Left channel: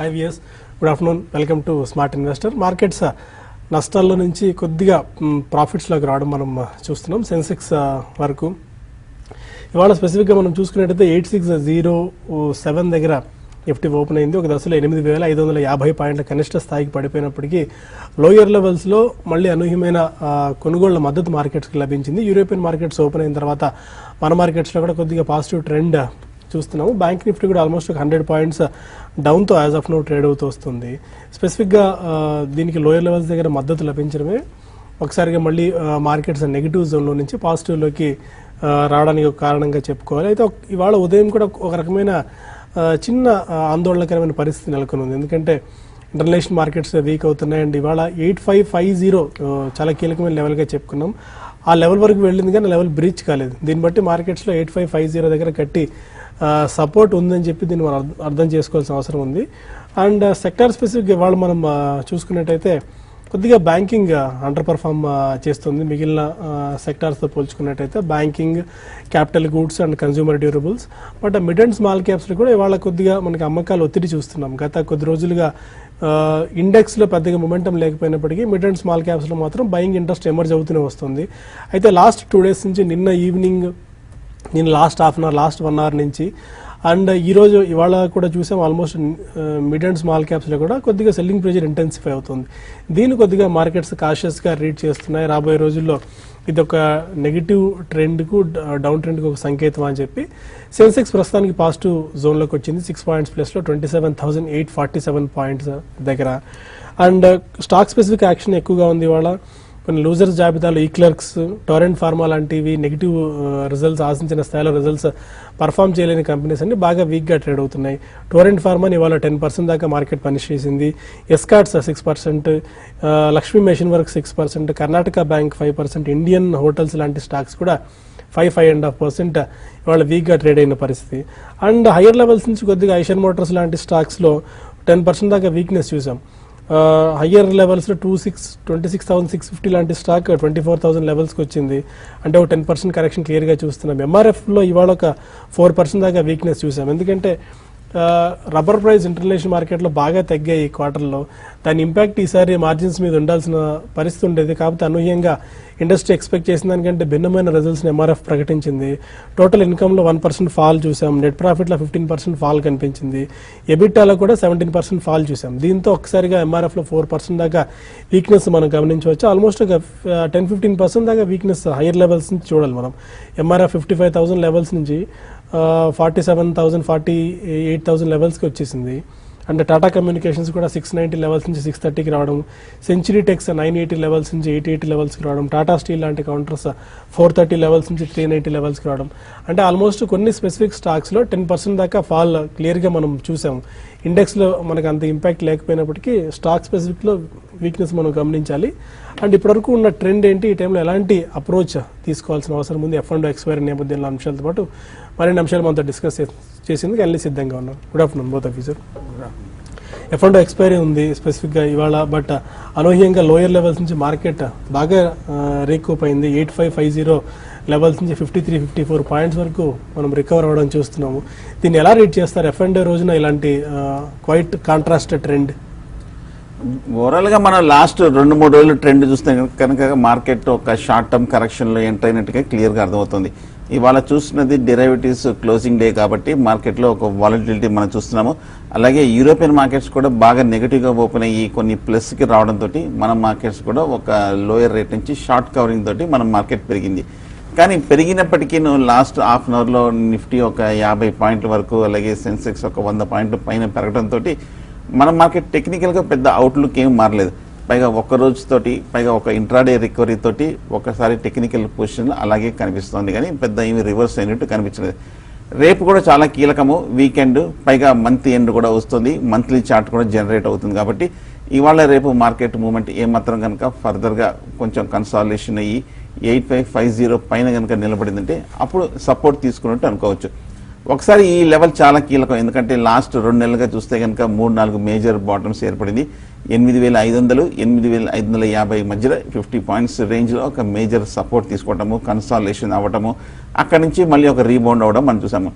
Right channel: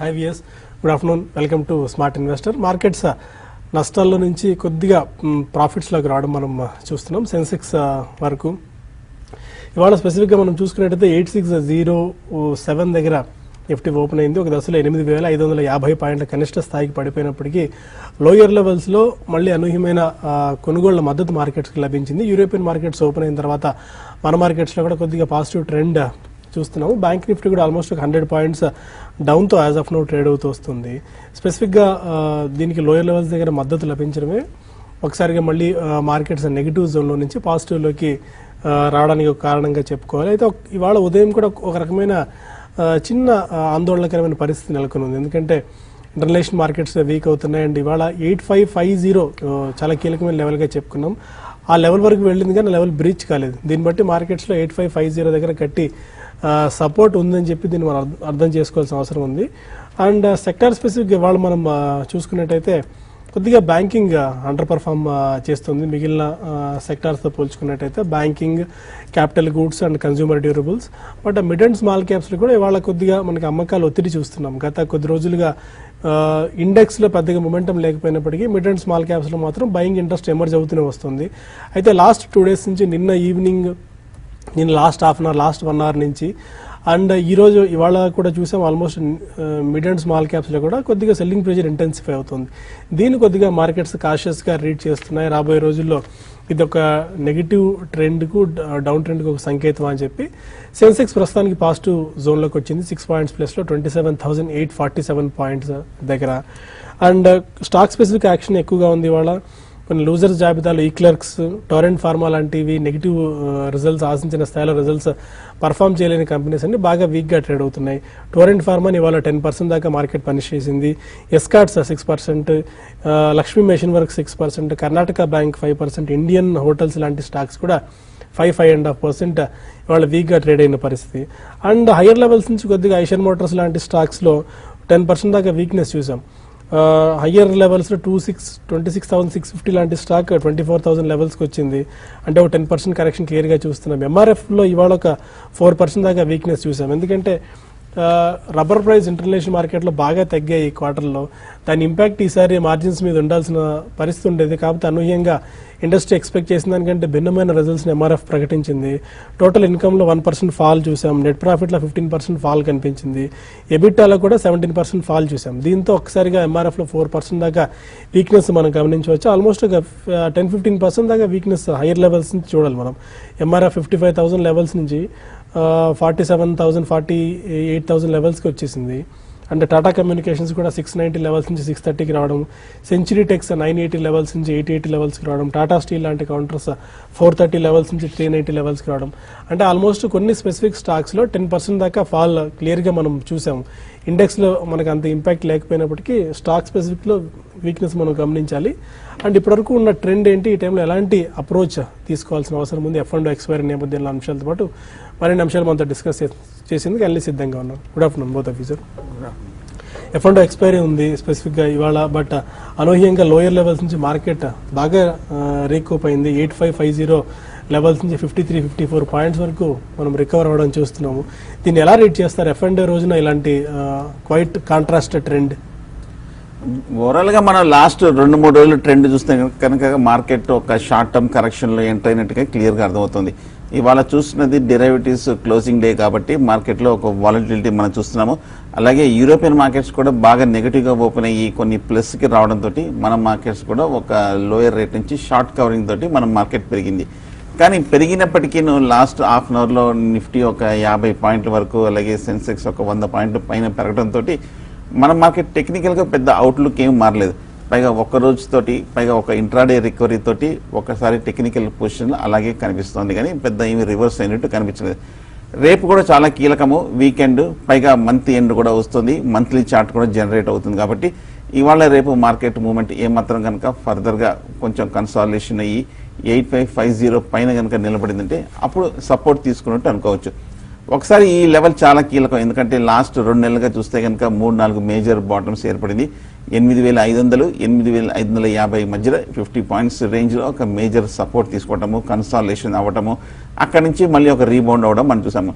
High weirs, good afternoon. Welcome to smart investor. Markets నష్టాల్లో నుంచి కొద్దిగా ప్రాఫిట్స్లోకి రావడం మనం చూస్తున్నాం. సెన్సెక్స్ వరకు ఇవాళ స్పెసిఫిక్గా మనం చూసుకున్నట్టయితే 8607 దగ్గర నిఫ్టీ ఓపెన్ అయింది. ఒక దశలో 8550 పాయింట్ల కనిష్ట స్థాయికి పడిపోయినప్పటికీ లోయర్ లెవెల్స్లో మళ్ళీ అనూహ్యమైన కొనుగోళ్ల మద్దతు మార్కెట్స్కి లభించింది. యూరోపియన్ మార్కెట్స్ ఓపెన్ అయిన తర్వాత మన మార్కెట్స్లో కూడా కొద్దిగా పాజిటివ్ ట్రెండ్ చూస్తున్నాము. బ్యాంక్ నిఫ్టీ కూడా ఆల్మోస్ట్ 100 పాయింట్స్ డౌన్తో యాజ్ ఆఫ్ నో ట్రేడ్ అవుతూ వస్తుంది. స్పెసిఫిక్గా దీనికి లోయర్ లెవెల్స్ దగ్గర మద్దతు లభించడమే ఒకసారిగా మళ్ళీ మార్కెట్స్ నెగిటివ్ జోన్లో నుంచి పాజిటివ్లోకి రావడానికి ఒక కారణంగా చెప్పుకోవాలి. అయితే ఇవాళ ఉదయం కూడా ఒక రకమైన చిన్న ఆందోళనకరమైన పరిస్థితి నెలకొని ఉంది. ఎందుకంటే ఇంటర్నేషనల్ మార్కెట్స్ వీక్ అవుతున్నాయి అండ్ ఇవాళ 8550 చాలా కీలకమైన లెవెల్గా చెప్పుకున్నాం. ఆ లెవెల్ వరకు వెళ్ళింది కానీ లెవెల్ బ్రీచ్ కాలేదు. దీన్ని బట్టి మార్కెట్స్లో 8550 దగ్గర కట్టి సపోర్ట్ ఉందని చెప్పి దీన్ని అర్థం చేసుకోవాల్సిన అవసరం ఉంది. అండ్ సెక్టార్ స్పెసిఫిక్ ఇవాళ మనం చూసుకున్నట్టయితే కొద్దిగా బ్యాంకింగ్ అండర్ పర్ఫార్మ్ చేస్తుంది. మిగిలిన సెక్టార్స్తో పోల్చుకున్నట్టయితే banking, capital goods and consumer durables. But mid and small క్యాప్స్లో కూడా ఇవాళ కొద్దిగా మనకి అమ్మకాలు ఒత్తిడి చూస్తున్నాం. గత కొద్ది రోజులుగా ఇండెక్స్లో పెద్దగా మొమెంటం లేకపోయినప్పటికీ మిడ్ అండ్ స్మాల్ క్యాప్స్లో మాత్రం బయింగ్ ఇంట్రెస్ట్ ఎమర్జ్ అవుతూనే వస్తుంది. అయితే లాస్ట్ 2 days నుంచి నిన్న ఈవినింగ్, నేను last half an hour, last 1 hour నుంచి అండ్ ఇవాళ కూడా చూసాం ఆల్మోస్ట్ మిడ్ అండ్ స్మాల్ క్యాప్స్లో కూడా కొద్దిగా సెల్లింగ్ ప్రెజర్ ఇంటెన్సిఫై అవుతుంది. దీన్ని కొద్దిగా మార్కెట్స్ కాషియస్గా రీడ్ చేస్తున్నాయి. రాబోయే రోజుల్లో ఇది ఒక నెగిటివ్ ట్రెండ్కు, డౌన్ ట్రెండ్కి ఒక సంకేతం అని చెప్పి సెన్సెక్స్ ప్రస్తుతానికి పాజిటివ్ జోన్లోకి వచ్చింది. 6 పాయింట్స్ ప్లస్లో 27,847 పాయింట్స్ దగ్గర. అండ్ స్టాక్ స్పెసిఫిక్ యాక్షన్ ఎక్కువగా ఉంది ఇవాళ. కొన్ని లూజర్స్ జాబితాలో ఈక్లర్క్స్, టొరెంట్ ఫార్మా లాంటివి నెగిటివ్ రిజల్ట్స్, ఆశించిన స్థాయిలో రిజల్ట్స్ పర్ఫామ్ చేయలేని కంపెనీస్ అన్ని బాగా వీక్గా ట్రేడ్ అవుతున్నాయి. టొరెంట్ ఫార్మాని ఇవాళ 10% దాకా మార్కెట్ పనిష్ చేసింది. Escorts 6%, Lakshmi machine work 6%, Karnataka bank 5%, Indian hotels లాంటి స్టాక్స్ కూడా 5.5% ఇవాళ వీక్గా ట్రేడ్ అయిన పరిస్థితి. అండ్ హైయర్ లెవెల్స్ నుంచి కొద్దిగా ఐషర్ మోటార్స్ లాంటి స్టాక్స్లో 10% దాకా వీక్నెస్ చూసాం. హయ్యర్ లెవెల్స్ 26,650 లాంటి స్టాక్ 24,000 లెవెల్స్కి వచ్చింది. అంటే ఒక 10% కరెక్షన్ క్లియర్గా చూస్తున్నాం. ఎంఆర్ఎఫ్లో ఇవాళ ఒక 4% దాకా వీక్నెస్ చూసాం. ఎందుకంటే రబ్బర్ ప్రైస్ ఇంటర్నేషనల్ మార్కెట్లో బాగా తగ్గాయి ఈ క్వార్టర్లో. దాని ఇంపాక్ట్ ఈసారి మార్జిన్స్ మీద ఉండాల్సిన పరిస్థితి ఉండేది. కాకపోతే అనూహ్యంగా ఇండస్ట్రీ ఎక్స్పెక్ట్ చేసిన దానికంటే భిన్నమైన రిజల్ట్స్ని ఎంఆర్ఎఫ్ ప్రకటించింది. టోటల్ ఇన్కమ్లో 1% ఫాల్ చూసాం. నెట్ ప్రాఫిట్లో 15% ఫాల్ కనిపించింది. ఎబిటాలో కూడా 17% ఫాల్ చూసాం. దీంతో ఒకసారిగా ఎంఆర్ఎఫ్లో 4% దాకా వీక్నెస్ మనం గమనించవచ్చు. ఆల్మోస్ట్ 10-15% దాకా వీక్నెస్ హైయర్ లెవెల్స్ నుంచి చూడాలి మనం. ఎంఆర్ఎఫ్ 55,000 లెవెల్స్ నుంచి 47,000, 48,000 లెవెల్స్కి వచ్చేసింది. అండ్ టాటా కమ్యూనికేషన్స్ కూడా 690 లెవెల్స్ నుంచి 630కి రావడం, సెంచరీ టెక్స్ 980 లెవెల్స్ నుంచి 880 లెవెల్స్కి రావడం, టాటా స్టీల్ లాంటి కౌంటర్స్ 430 లెవెల్స్ నుంచి 390 లెవెల్స్కి రావడం. అంటే ఆల్మోస్ట్ కొన్ని స్పెసిఫిక్ స్టాక్స్లో 10% దాకా ఫాల్ క్లియర్గా మనం చూసాం. ఇండెక్స్లో మనకు అంత ఇంపాక్ట్ లేకపోయినప్పటికీ స్టాక్ స్పెసిఫిక్లో వీక్నెస్ మనం గమనించాలి. అండ్ ఇప్పటివరకు ఉన్న ట్రెండ్ ఏంటి, ఈ టైంలో ఎలాంటి అప్రోచ్ తీసుకోవాల్సిన అవసరం ఉంది, F&O ఎక్స్పైరీ నేపథ్యంలో అంశాలతో పాటు మరిన్ని అంశాలు మనతో డిస్కస్ చేసేందుకు అన్ని సిద్ధంగా ఉన్నాం. Good afternoon both of you sir. F&O expiry ఉంది స్పెసిఫిక్గా ఇవాళ. బట్ అనూహ్యంగా లోయర్ లెవెల్స్ నుంచి మార్కెట్ బాగా రీకూప్ అయింది. 8550 లెవెల్స్ నుంచి 53-54 పాయింట్స్ వరకు మనం రికవర్ అవ్వడం చూస్తున్నాము. దీన్ని ఎలా రీడ్ చేస్తారు? F&O రోజున ఇలాంటి క్వైట్ కాంట్రాస్ట్ ట్రెండ్. ఓవరాల్ గా మనం లాస్ట్ 2-3 రోజులు ట్రెండ్ చూస్తే కనుక మార్కెట్ ఒక షార్ట్ టర్మ్ కరెక్షన్ లో ఎంటర్ అయినట్టుగా క్లియర్ గా అర్థమవుతుంది. ఇవాళ చూస్తున్నది డెరివేటివ్స్ క్లోజింగ్ డే కాబట్టి మార్కెట్ లో ఒక వాలటిలిటీ మనం చూస్తున్నాము. అలాగే యూరోపియన్ మార్కెట్స్ కూడా బాగా నెగిటివ్ గా ఓపెన్ అయ్యి కొన్ని ప్లస్ కి రావడం తోటి మన మార్కెట్స్ కూడా ఒక లోయర్ రేట్ నుంచి షార్ట్ కవరింగ్ తోటి మన మార్కెట్ పెరిగింది. కానీ పెరిగినప్పటికీ లాస్ట్ హాఫ్ అన్ అవర్ లో నిఫ్టీ ఒక 50 పాయింట్ల వరకు, అలాగే సెన్సెక్స్ ఒక 100 పాయింట్ల పైన పెరగడం తోటి మన మార్కెట్ టెక్నికల్ గా పెద్ద అవుట్లుక్ ఏం మారలేదు. పైగా ఒక రోజు తోటి, పైగా ఒక ఇంట్రాడే రికవరీ తోటి ఒకసారి టెక్నికల్ పొజిషన్ అలాగే కనిపిస్తుంది. కానీ పెద్ద ఏమి రివర్స్ అయినట్టు కనిపించలేదు. రేపు కూడా చాలా కీలకము, వీకెండ్, పైగా మంత్ ఎండ్ కూడా వస్తుంది, మంత్లీ చార్ట్ కూడా జనరేట్ అవుతుంది. కాబట్టి ఇవాళ రేపు మార్కెట్ మూవ్మెంట్ ఏమాత్రం కనుక ఫర్దర్ గా కొంచెం కన్సాలిడేషన్ అయ్యి 8550 పైన కనుక నిలబడిందంటే అప్పుడు సపోర్ట్ తీసుకున్నట్టు అనుకోవచ్చు. ఒకసారి ఈ లెవెల్ చాలా కీలకం. ఎందుకంటే లాస్ట్ 2 నెలలుగా చూస్తే కనుక 3-4 మేజర్ బాటమ్స్ ఏర్పడింది. 8500, 8550 మధ్యలో 50 పాయింట్స్ రేంజ్ లో ఒక మేజర్ సపోర్ట్ తీసుకోవటము, కన్సాలిడేషన్ అవ్వటము, అక్కడి నుంచి మళ్ళీ ఒక రీబౌండ్ అవ్వడం మనం చూసాము.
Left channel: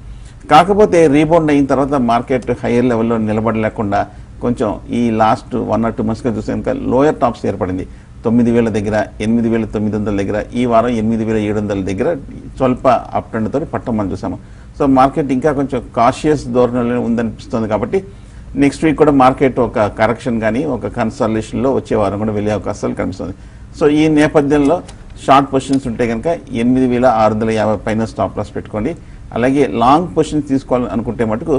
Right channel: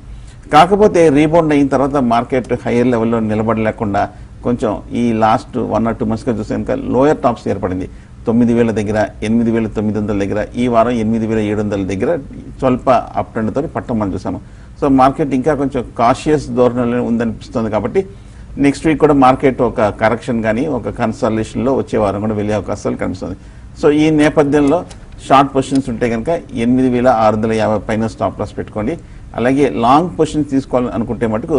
కాకపోతే రీబౌండ్ అయిన తర్వాత మార్కెట్ హైయర్ లెవెల్లో నిలబడలేకుండా కొంచెం ఈ లాస్ట్ 1 or 2 months గా చూస్తే కనుక లోయర్ టాప్స్ ఏర్పడింది. 9,000 దగ్గర, 8,900 దగ్గర, ఈ వారం 8,700 దగ్గర స్వల్ప అప్ ట్రెండ్ తో పట్టం మనం చూసాము. సో మార్కెట్ ఇంకా కొంచెం కాషియస్ ధోరణిలో ఉందనిపిస్తుంది కాబట్టి నెక్స్ట్ వీక్ కూడా మార్కెట్ ఒక కరెక్షన్ కానీ ఒక కన్సాలిడేషన్ లో వచ్చే వారం కూడా వెళ్ళే అవకాశాలు కనిపిస్తుంది. సో ఈ నేపథ్యంలో షార్ట్ పొజిషన్స్ ఉంటే కనుక 8,650 పైన స్టాప్ లాస్ పెట్టుకోండి. అలాగే లాంగ్ పొజిషన్ తీసుకోవాలని అనుకుంటే మటుకు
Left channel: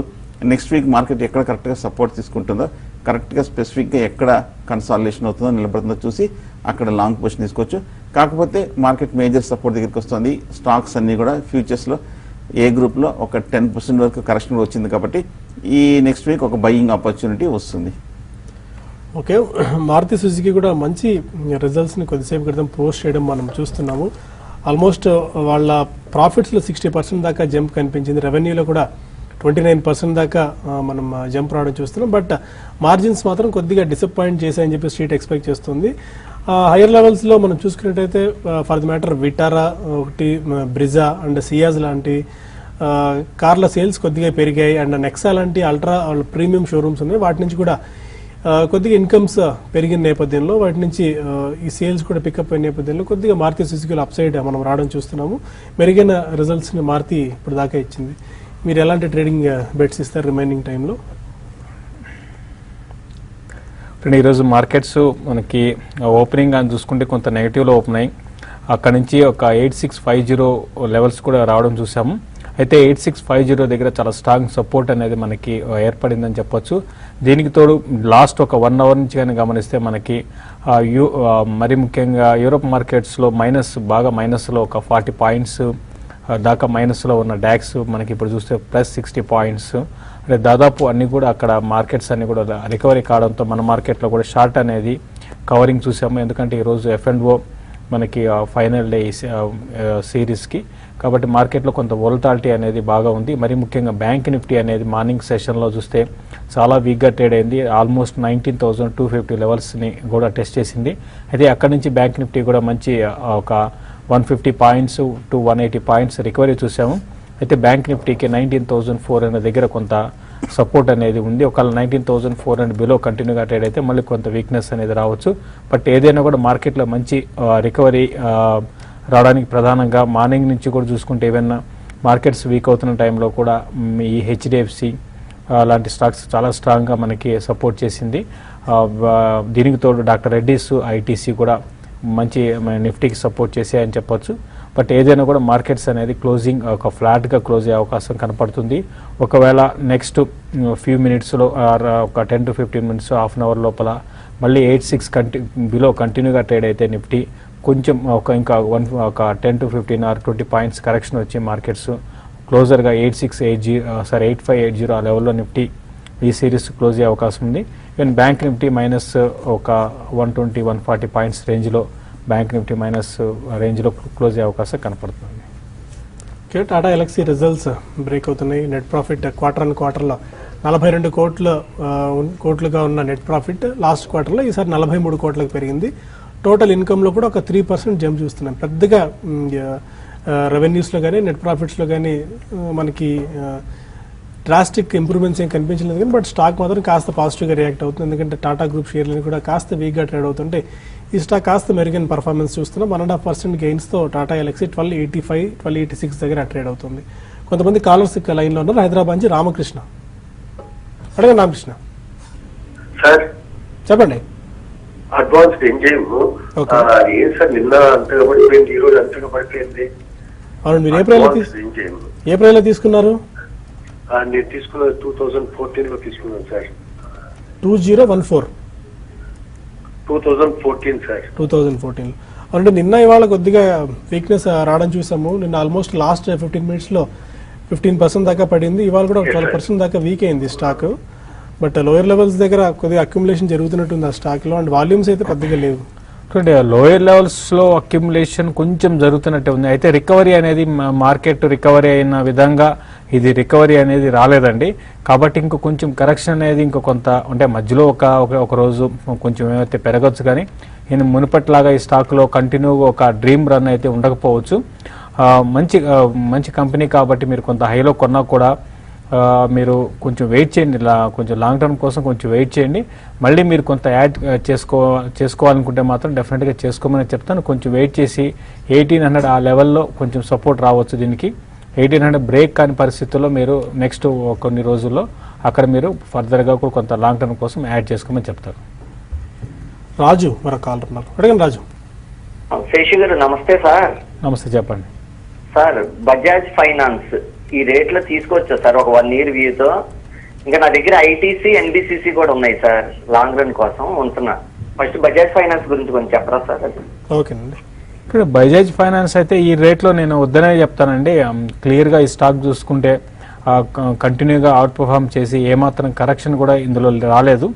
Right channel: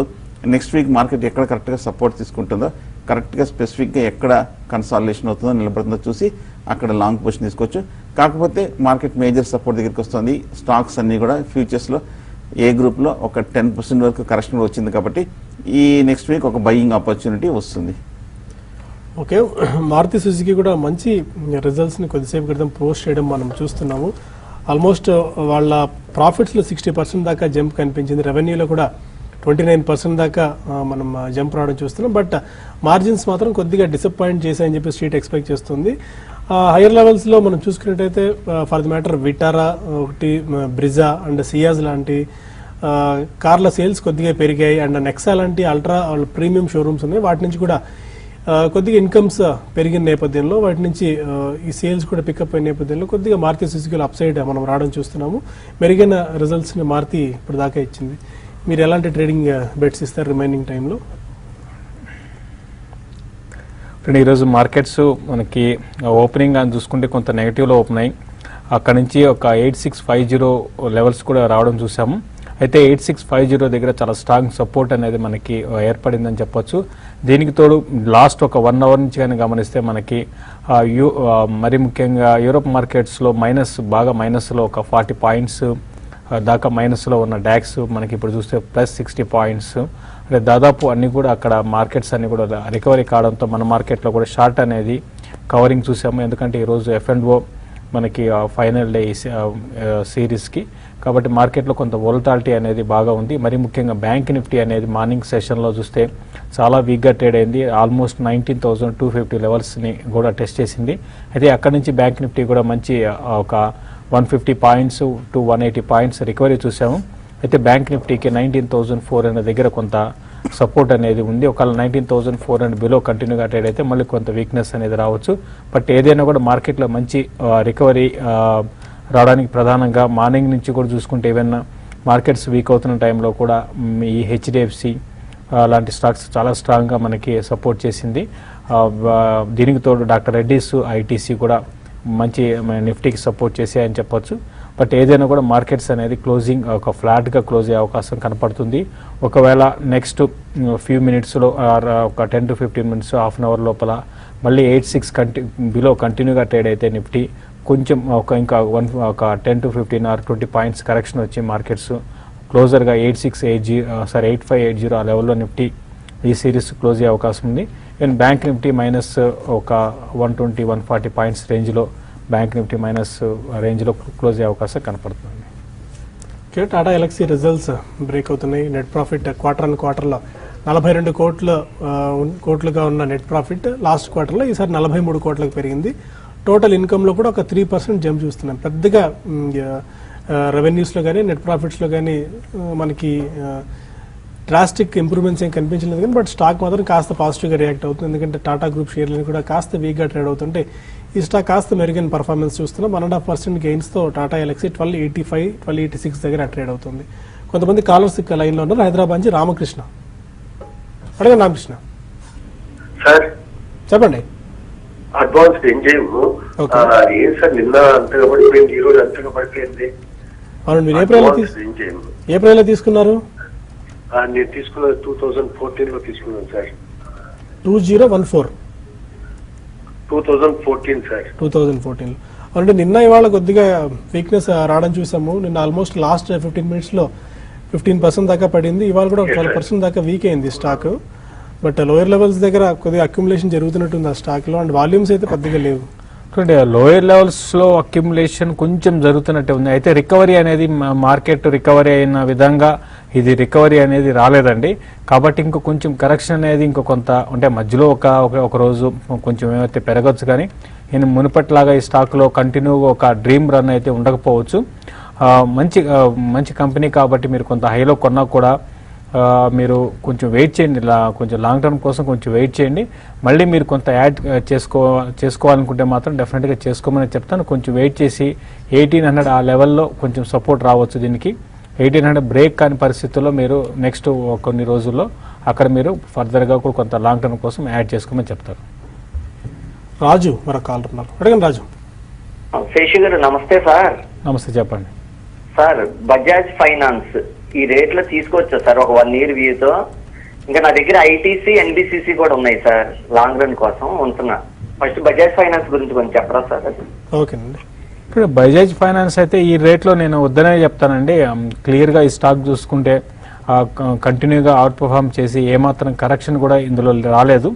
నెక్స్ట్ వీక్ మార్కెట్ ఎక్కడ కరెక్ట్ గా సపోర్ట్ తీసుకుంటుందో, కరెక్ట్ గా స్పెసిఫిక్ గా ఎక్కడ కన్సాలిడేషన్ అవుతుందో నిలబడుతుందో చూసి అక్కడ లాంగ్ పొజిషన్ తీసుకోవచ్చు. కాకపోతే మార్కెట్ మేజర్ సపోర్ట్ దగ్గరికి వస్తుంది. స్టాక్స్ అన్ని కూడా ఫ్యూచర్స్ లో ఏ గ్రూప్ లో ఒక 10% వరకు కరెక్షన్ వచ్చింది కాబట్టి ఈ నెక్స్ట్ వీక్ ఒక బయింగ్ ఆపర్చునిటీ వస్తుంది. ఓకే, మారుతి సుజుకి కూడా మంచి రిజల్ట్స్ ని కొద్దిసేపు క్రితం పోస్ట్ చేయడం మనం చూస్తున్నాము. ఆల్మోస్ట్ వాళ్ళ ప్రాఫిట్స్ లో 60% దాకా జంప్ కనిపించింది. రెవెన్యూలో కూడా 29% దాకా మనం జంప్ రావడం చూస్తున్నాం. బట్ మార్జిన్స్ మాత్రం కొద్దిగా డిసప్పాయింట్ చేశాయని చెప్పి స్ట్రీట్ ఎక్స్పెక్ట్ చేస్తుంది. హైయర్ లెవెల్స్ లో మనం చూసుకున్నట్టయితే ఫర్ ది మ్యాటర్ విటారా ఒకటి, బ్రిజా అండ్ సియాజ్ లాంటి కార్ల సేల్స్ కొద్దిగా పెరిగాయి. అండ్ నెక్సా లాంటి అల్ట్రా ప్రీమియం షోరూమ్స్ ఉన్నాయి, వాటి నుంచి కూడా కొద్దిగా ఇన్కమ్స్ పెరిగిన నేపథ్యంలో వాటి నుంచి ఈ సేల్స్ కూడా పికప్ అయిన నేపథ్యంలో కొద్దిగా మారుతి సుజుకి అప్ సైడ్ మనం రావడం చూస్తున్నాము. మెరుగైన రిజల్ట్స్ ని మారుతి ఇప్పుడు దాకా ఇచ్చింది. మీరు ఎలాంటి ట్రేడింగ్ బెట్స్ ఇస్తారు రిమైనింగ్ టైంలో? ఈరోజు మార్కెట్స్ మనకి ఓపెనింగ్ అని చూసుకుంటే కొంత నెగిటివ్ లో ఓపెన్ అయ్యి అక్కడ నుంచి ఒక 8650 లెవెల్స్ కూడా రావడం చూసాము. అయితే 8650 దగ్గర చాలా స్ట్రాంగ్ సపోర్ట్ అనేది మనకి ఏర్పడిందని చెప్పొచ్చు. దీనికి తోడు లాస్ట్ ఒక 1 hour నుంచి కానీ గమనిస్తే మనకి మరి ముఖ్యంగా యూరోప్ మార్కెట్స్ లో బాగా మైనస్ లో ఒక 40 పాయింట్స్ దాకా మైనస్ లో ఉన్న డాక్స్ మనకి ఇప్పుడు చూస్తే +60 పాయింట్స్, దాదాపు అన్ని కూడా అక్కడ మార్కెట్స్ అన్ని కూడా రికవరీ కావడంతో మన మార్కెట్ లో కూడా షార్ట్ అనేది కవరింగ్ చూసాము. ఎందుకంటే ఈ రోజు F&O మనకి ఫైనల్ డే సిరీస్ కి, కాబట్టి మార్కెట్ లో కొంత వోలటాలిటీ అనేది బాగా ఉంది. మరి ముఖ్యంగా బ్యాంక్ నిఫ్టీ అనేది మార్నింగ్ సెషన్ లో చూస్తే చాలా వీక్ గా ట్రేడ్ అయింది. ఆల్మోస్ట్ 19,250 లెవెల్స్ ని కూడా టెస్ట్ చేసింది. అయితే అక్కడ నుంచి బ్యాంక్ నిఫ్టీ కూడా మంచి ఒక 150 పాయింట్స్ టు 180 పాయింట్స్ రికవరీ చూసాము. అయితే బ్యాంక్ నిఫ్టీకి 19,400 దగ్గర కొంత సపోర్ట్ అనేది ఉంది. ఒకవేళ 19,400 బిలో కంటిన్యూగా ట్రేడ్ అయితే మళ్ళీ కొంత వీక్నెస్ అనేది రావచ్చు. బట్ ఏదైనా కూడా మార్కెట్ లో మంచి రికవరీ రావడానికి ప్రధానంగా మార్నింగ్ నుంచి కూడా చూసుకుంటే ఏమైనా మార్కెట్స్ వీక్ అవుతున్న టైంలో కూడా ఈ HDFC లాంటి స్టాక్స్ చాలా స్ట్రాంగ్ గా మనకి సపోర్ట్ చేసింది. దీనికి తోడు డాక్టర్ రెడ్డిస్ ITC కూడా మంచి నిఫ్టీకి సపోర్ట్ చేసాయని చెప్పొచ్చు. బట్ ఏదైనా కూడా మార్కెట్స్ అనేది క్లోజింగ్ ఒక ఫ్లాట్ గా క్లోజ్ అయ్యే అవకాశం కనపడుతుంది. ఒకవేళ నెక్స్ట్ ఫ్యూ మినిట్స్ లో ఒక 10 to 15 minutes half an hour లోపల మళ్ళీ 86 బిలో కంటిన్యూగా ట్రేడ్ అయితే నిఫ్టీ కొంచెం ఇంకా 10 to 15 or 20 పాయింట్స్ కరెక్షన్ వచ్చి మార్కెట్స్ క్లోజర్ గా 8580 ఆ లెవెల్లో నిఫ్టీ ఈ సిరీస్ క్లోజ్ అయ్యే అవకాశం ఉంది. ఈవెన్ బ్యాంక్ నిఫ్టీ మైనస్ ఒక 120-140 పాయింట్స్ రేంజ్ లో బ్యాంక్ నిఫ్టీ మైనస్ రేంజ్ లో క్లోజ్ అయ్యే అవకాశం కనపడుతుంది. టాటా ఎల్ఎక్సీ రిజల్ట్స్ బ్రేక్ అవుతున్నాయి. నెట్ ప్రాఫిట్ క్వార్టర్ లో 42 కోట్లుగా ఉన్న నెట్ ప్రాఫిట్ లాస్ట్ క్వార్టర్ లో ఈసారి 43 కోట్లకు పెరిగింది. టోటల్ ఇన్కమ్ లో కూడా ఒక 3% జంప్ చూస్తున్నాం. పెద్దగా రెవెన్యూస్ లో కానీ నెట్ ప్రాఫిట్స్ లో కానీ మనకి డ్రాస్టిక్ ఇంప్రూవ్మెంట్స్ ఏం కనిపించలేదు కానీ బట్ స్టాక్ మాత్రం కాస్త పాజిటివ్ గా రియాక్ట్ అవుతుంది. ఎందుకంటే టాటా గ్రూప్ షేర్లు కూడా కాస్త వీక్ గా ట్రేడ్ అవుతుంటే ఈ స్టాక్ కాస్త మెరుగైన పర్ఫార్మెన్స్ చూస్తున్నాం. 1.5% గెయిన్స్ తో టాటా ఎల్ఎక్సీ 1285, 1286 దగ్గర ట్రేడ్ అవుతుంది. కొంతమంది కాలర్స్ లైన్ లో ఉన్నారు. హైదరాబాద్ నుంచి రామకృష్ణ. అడగండి రామకృష్ణ. సార్ చెప్పండి. అడ్వాన్స్ ఏం చేయము ఏం సార్ నిన్న అంతగా పడిపోయింది, ఈ రోజు అంతగా పడిపోయింది. అవును, మీరు ఏం చేయము. ఏ ప్రైస్ లో తీసుకున్నారు? నేను తీసుకున్నది 2014 లో తీసుకున్నాను సార్. 2014 2014 సార్. 2014. అంటే నిన్న ఇవాళ కొద్దిగా వీక్నెస్ రావడం చూసాము. నిన్న ఆల్మోస్ట్ లాస్ట్ 15 minutes లో 15% దాకా పడింది. ఇవాళ కూడా 12% దాకా వీక్ అయింది స్టాక్. బట్ లోయర్ లెవెల్స్ దగ్గర కొద్దిగా అక్యుములేషన్ జరుగుతున్నట్టుంది ఆ స్టాక్ లో. అండ్ వాల్యూమ్స్ అయితే కొద్దిగా లేవు. లోయర్ లెవెల్స్ లో అక్యుములేషన్ కొంచెం జరుగుతున్నట్టే ఉంది. అయితే రికవరీ అనేది మార్కెట్ రికవరీ అయిన విధంగా ఇది రికవరీ అనేది రాలేదండి. కాబట్టి ఇంకో కొంచెం కరెక్షన్ అనేది ఇంకో కొంత అంటే మధ్యలో ఒక రోజు కొంచెం ఏమైతే పెరగచ్చు, కానీ నేను మునుపట్లాగా ఈ స్టాక్ లో కంటిన్యూగా ఒక డ్రీమ్ రన్ అయితే ఉండకపోవచ్చు. మంచి కంపెనీ కాబట్టి మీరు కొంత హైలో కొన్నా కూడా మీరు కొంచెం వెయిట్ చేయండి, కొంచెం లాంగ్ టర్మ్ కోసం కొంచెం వెయిట్ చేయండి. మళ్ళీ మీరు కొంత యాడ్ చేసుకోవాలనుకుంటే మాత్రం డెఫినెట్గా చేసుకోమని చెప్తాను. కొంచెం వెయిట్ చేసి 1800 ఆ లెవెల్లో కొంచెం సపోర్ట్ రావచ్చు. దీనికి 1800 బ్రేక్ కాని పరిస్థితుల్లో మీరు నెక్స్ట్ కొన్ని రోజుల్లో అక్కడ మీరు ఫర్దర్గా కూడా కొంత లాంగ్ టర్మ్ కోసం యాడ్ చేసుకోమని చెప్తారు. రాజు మన కాల్ ఉన్నారు, అడగండి రాజు. శేషు గారు నమస్తే సార్. నమస్తే, చెప్పండి. సార్ బజాజ్ ఫైనాన్స్ ఈ రేట్ లో తీసుకోవచ్చా సార్ ఒక 1 year వ్యూతో? ఇంకా నా దగ్గర ఐటీసీ ఎన్బిసిసి కూడా ఉన్నాయి సార్, లాంగ్ రన్ కోసం ఉంటున్నా. ఫస్ట్ బజాజ్ ఫైనాన్స్ గురించి కొంచెం చెప్పరా సార్? ఓకేనండి. ఇక్కడ బజాజ్ ఫైనాన్స్ అయితే ఈ రేట్లో నేను వద్దనే చెప్తానండి. క్లియర్గా ఈ స్టాక్ చూసుకుంటే కంటిన్యూగా అవుట్ పర్ఫార్మ్ చేసి ఏమాత్రం కరెక్షన్ కూడా ఇందులో రాలేదు.